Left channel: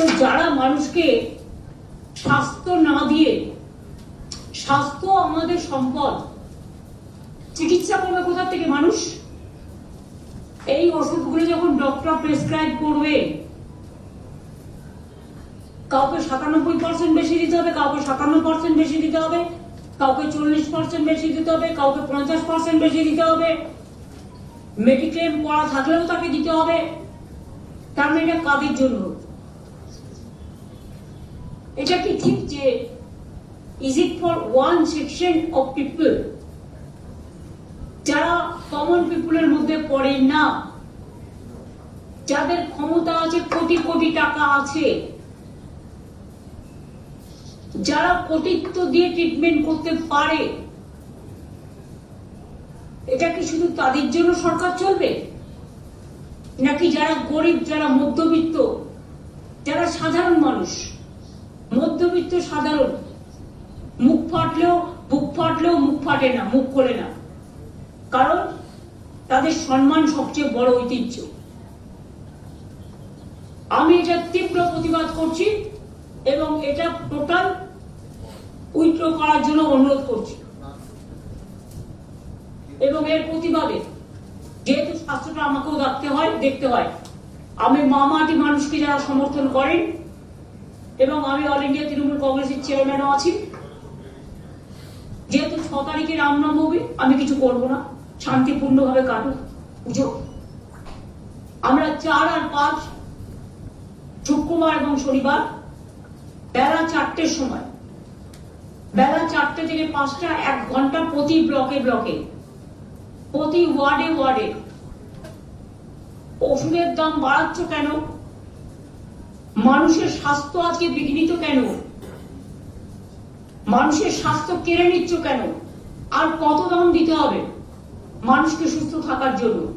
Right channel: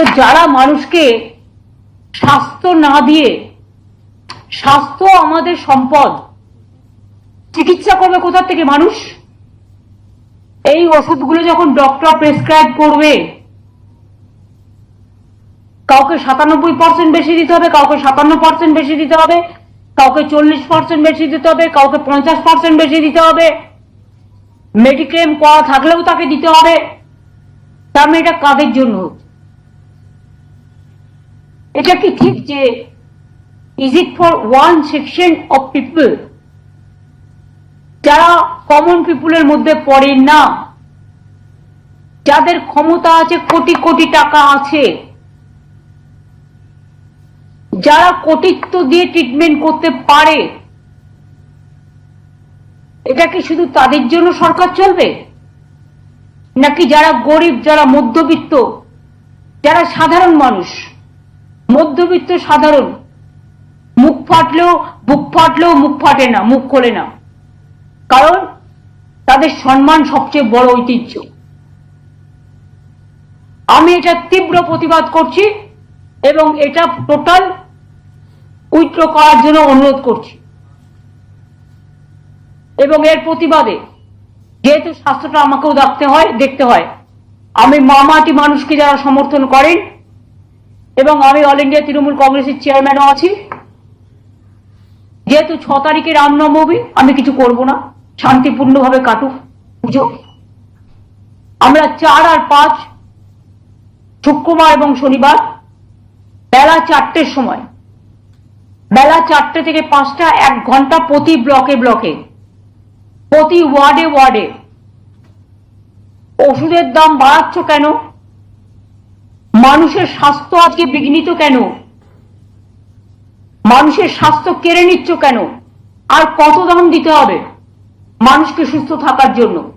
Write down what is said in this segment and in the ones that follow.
তো যারা মানুষকে স্বাস্থ্য না দিয়ে, স্বাস্থ্য আমাদের সম্পদ, চিকিৎসা করবে কোথা থেকে মানুষ? এই ওষুধগুলো যখন ডক্টর প্রেসক্রাইব করবে, কাউকে সাতানব্বই পার্সেন্ট বেশি দিতে হবে, কাউকে সাতান্ন পার্সেন্ট বেশি দিতে হবে, কাউকে চল্লিশ পার্সেন্ট বেশি দিতে হবে, কাউকে পঞ্চাশ পার্সেন্ট বেশি দিতে হবে। মেডিক্লেম করা থাকলেও তাকে দিতে হবে। তার মানে এটা কাদের জন্য? এটা কি ঠিক যে is it for one section of people যারা কমন পিপুলের মধ্যে পড়ে না, যাদের ক্ষমতা আছে, কোটি কোটি টাকা আছে, যারা কোটিত্ব দিয়ে ট্রিটমেন্ট করতে পারে, এটা কি শুধু তাদের জন্য সরকার চলবে? নাকি যারা গরিব, যারা মধ্যবিত্ত, যারা সাধারণ মানুষ? মধ্যবিত্ত সাধারণ। মুখ ফাটলেও বুক ফাটলেও মুখ ফাটে না, মুখ খোলে না। কারণ তাদের সম্মান সবচেয়ে বড় ঐতিহ্য। আমি এটা তীব্র প্রতিবাদ করছি এবং এটা টোটাল উইথড্র করার জন্য অনুরোধ করছি। এবং এর প্রতিবাদে যেহেতু স্বাস্থ্যটা আমাকেও দেখতে হয় দেখতে হয়। আমি মামাটি মানুষকে যারা সমর্থন করেন এবং আমি অল ইন্ডিয়া তৃণমূল কংগ্রেসের চেয়ারম্যানও আছি। যেহেতু ছ তারিখে রামনবমী আমি কিছু করব না। শান্তিপূর্ণভাবে কাটুক পুজো। আমরা চার আর পাঁচ, শুক্রবার এবং শনিবার, বেলা চারটের সময়। বেলা চারটে থেকে পাঁচটা, এক ঘণ্টা প্রতি ব্লকে ব্লকে, প্রতি ওয়ার্ডে ওয়ার্ডে। ওষুধের দাম বাড়াচ্ছ কেন? মানুষের স্বাস্থ্য আজকে বিঘ্নিত কেন? মানুষের স্বাস্থ্য কেড়ে নিচ্ছ কেন? আর কত দাম দিতে হবে মানুষকে সুস্থ থাকার জন্য?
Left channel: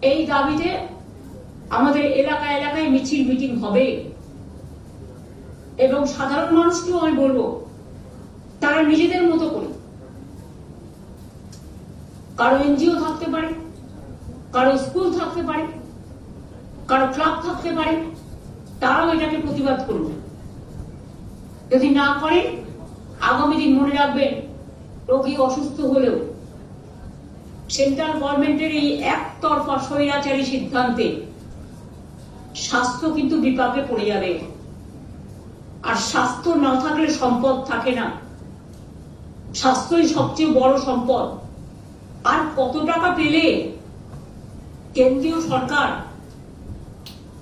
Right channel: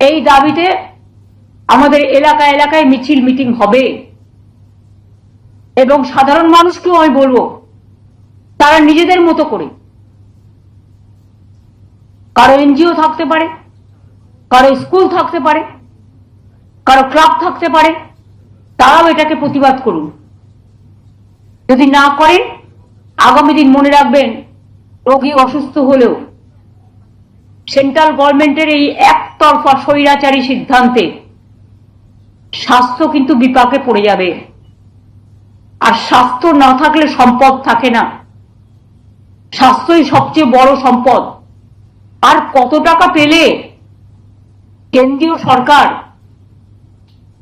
এই দাবিতে আমাদের এলাকা এলাকায় মিছিল মিটিং হবে। এবং সাধারণ মানুষকেও আমি বলব, তারা নিজেদের মতো করে। কারও এনজিও থাকতে পারে, কারও স্কুল থাকতে পারে, কারও ক্লাব থাকতে পারে তারাও এটাকে প্রতিবাদ করুন যদি না করেন আগামী দিন মনে রাখবেন, রোগী অসুস্থ হলেও সেন্ট্রাল গভর্নমেন্টের এই একতরফা স্বৈরাচারী সিদ্ধান্তে স্বাস্থ্য কিন্তু বিপাকে পড়ে যাবে। আর স্বাস্থ্য না থাকলে সম্পদ থাকে না। স্বাস্থ্যই সবচেয়ে বড় সম্পদ। আর কত টাকা পেলে কেন্দ্রীয় সরকার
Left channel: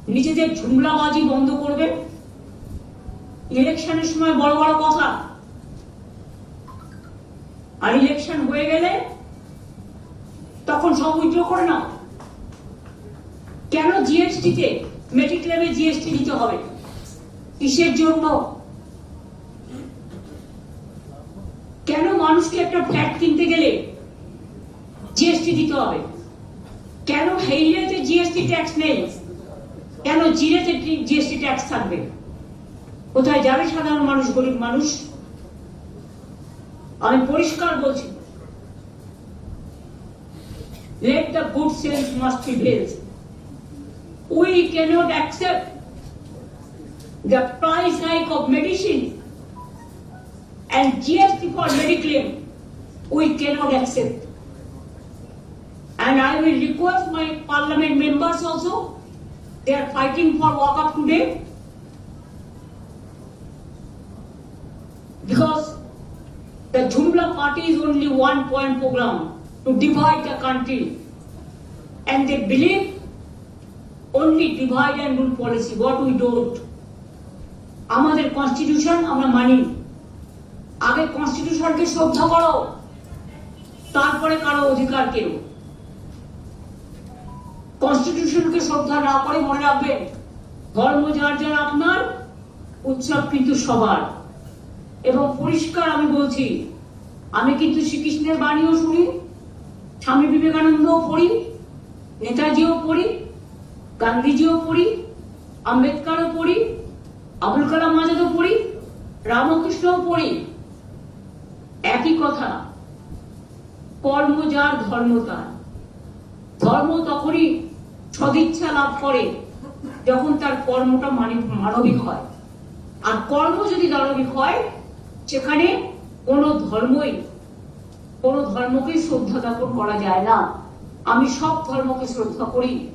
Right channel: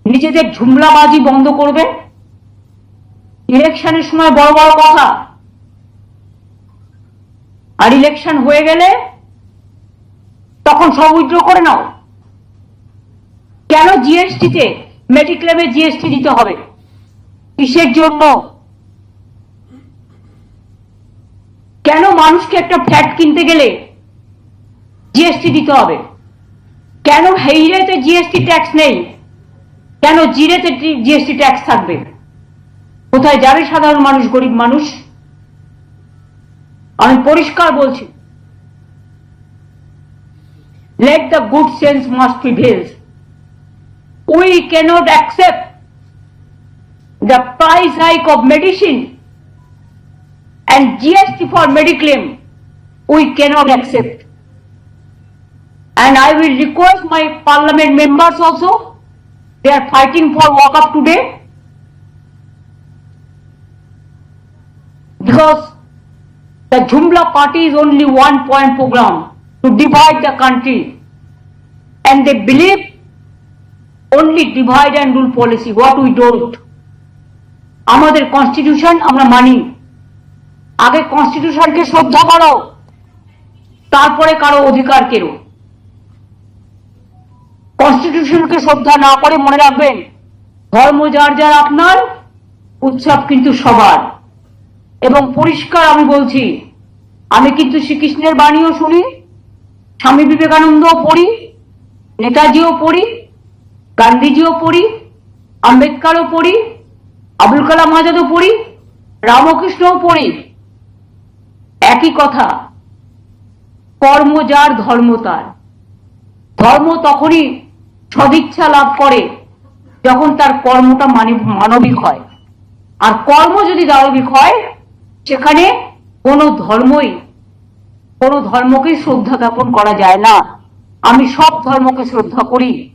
নিজেদের ঝুমলাবাজি বন্ধ করবে? ইলেকশনের সময় বড় বড় কথা। আর ইলেকশন হয়ে গেলে তখন সব উইথড্র করে নাও। কেন জিএসটিতে মেডিক্লেমে জিএসটি দিতে হবে? কিসের জন্য? কেন মানুষকে একটা ফ্ল্যাট কিনতে গেলে জিএসটি দিতে হবে? কেন হেইরেতে জিএসটি ট্যাক্স নেই? কেন জিরেতে জিএসটি ট্যাক্স থাকবে কোথায় যাবে সাধারণ মানুষ গরিব মানুষ আমি পরিষ্কার বলছি let the good sense must prevail. We cannot accept the price hike of medicine and GST for mediclaim. We cannot accept. And I will request my parliament members also, they are fighting for walk up today. Because the Jumla party is only one point program to divide the country. And they believe only divide and rule policy, what we don't. আমাদের constitution আমরা মানি আগে কনস্টিটিউশনকে শ্রদ্ধা করো তারপরে কারও অধিকার কেরো কনস্টিটিউশনকে শ্রদ্ধা না করে মনে রাখবেন, ধর্ম যার যার আপনার, উৎসব কিন্তু সবার। এবং পরিষ্কার আমি বলছি, আমি কিন্তু শ্রীকৃষ্ণের বাণীও শুনি, স্বামী বিবেকানন্দও পড়ি, নেতাজিও পড়ি, গান্ধীজিও পড়ি, আম্বেদকারও পড়ি, আবুল কালাম আজাদও পড়ি, রামকৃষ্ণও পড়ি। একই কথা, কর্ম যার, ধর্ম তার। ধর্ম তখনই সদিচ্ছা লাভ করে যখন তার কর্মটা মানব- মানবিক হয়। আর কর্ম যদি দানবিক হয়, সেখানে কোনো ধর্মই কোনো ধর্মকে শ্রদ্ধা জ্ঞাপন করা যায় না। আমি সব ধর্মকে শ্রদ্ধা করি।